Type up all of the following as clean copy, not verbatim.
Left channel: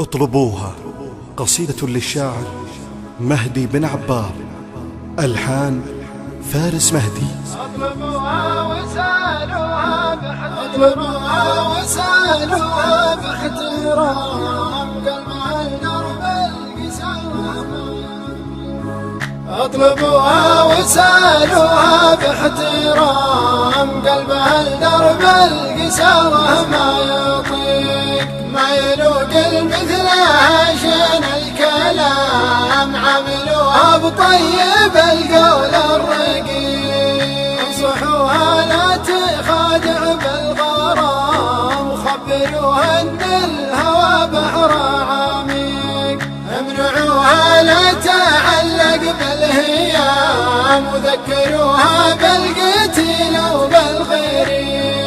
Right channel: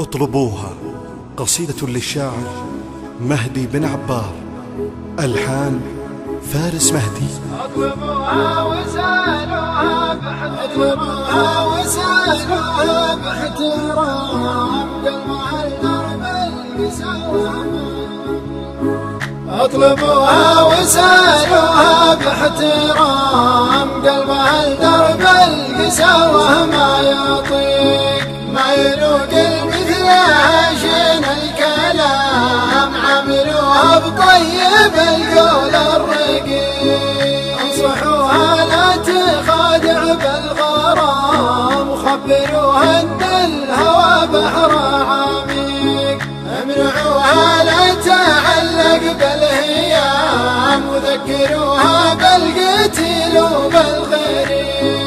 اطلبوها، قصيدة للشاعر مهدي بن عبار، ألحان فارس مهدي. اطلبوها وسالوها باحترام قلبها لدرب القسام. اطلبوها وسالوها باحترام قلبها لدرب القسامة. ما يطيق ما يلوق المثلها شين الكلام. عاملوها بطيب القول الرقيق. انصحوها لا تخادع بالغرام. خبروها ان الهوى بحر عميق. امنعوها لا تعلق بالهيام. وذكروها بالقتيل وبالغريب.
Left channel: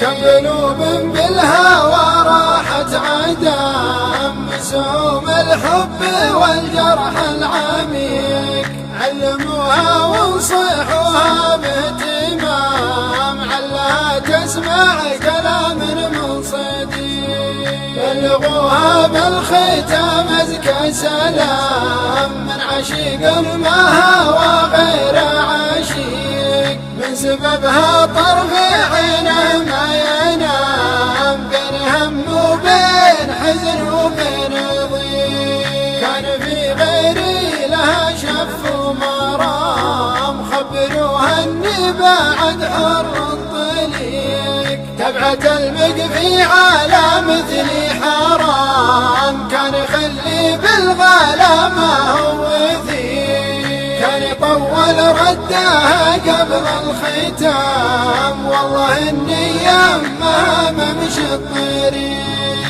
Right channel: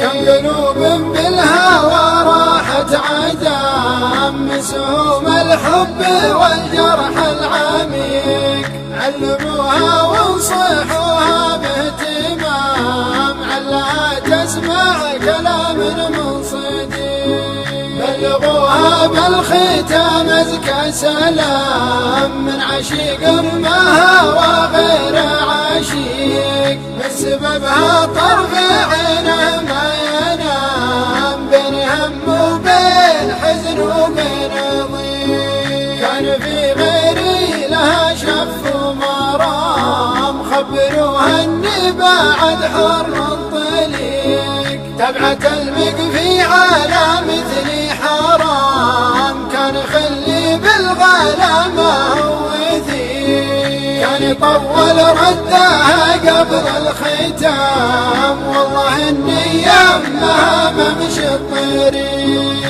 كم قلوب بالهوى راحت عدام. مسوم الحب والجرح العميق. علموها وانصحوها باهتمام. علها تسمع كلام من صديق. بلغوها بالختام ازكى سلام. من عشيق ما هوى غير عشيق. من سببها طرف عينه ما ينام. بين هم وبين حزن وبين ضيق. كان في غيري لها شف ومرام. خبروها اني بعد حر طليق. تبعة المقفي على مثلي حرام. كان يخلي بالغلا ما هو ذيق. كان يطول ردها قبل الختام. والله النية ما بمشي الطريق.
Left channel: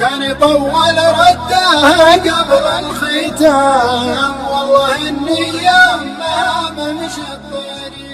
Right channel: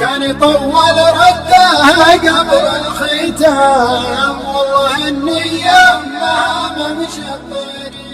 كان يطول ردها قبل الختام. والله النية ما بمشي الطريق.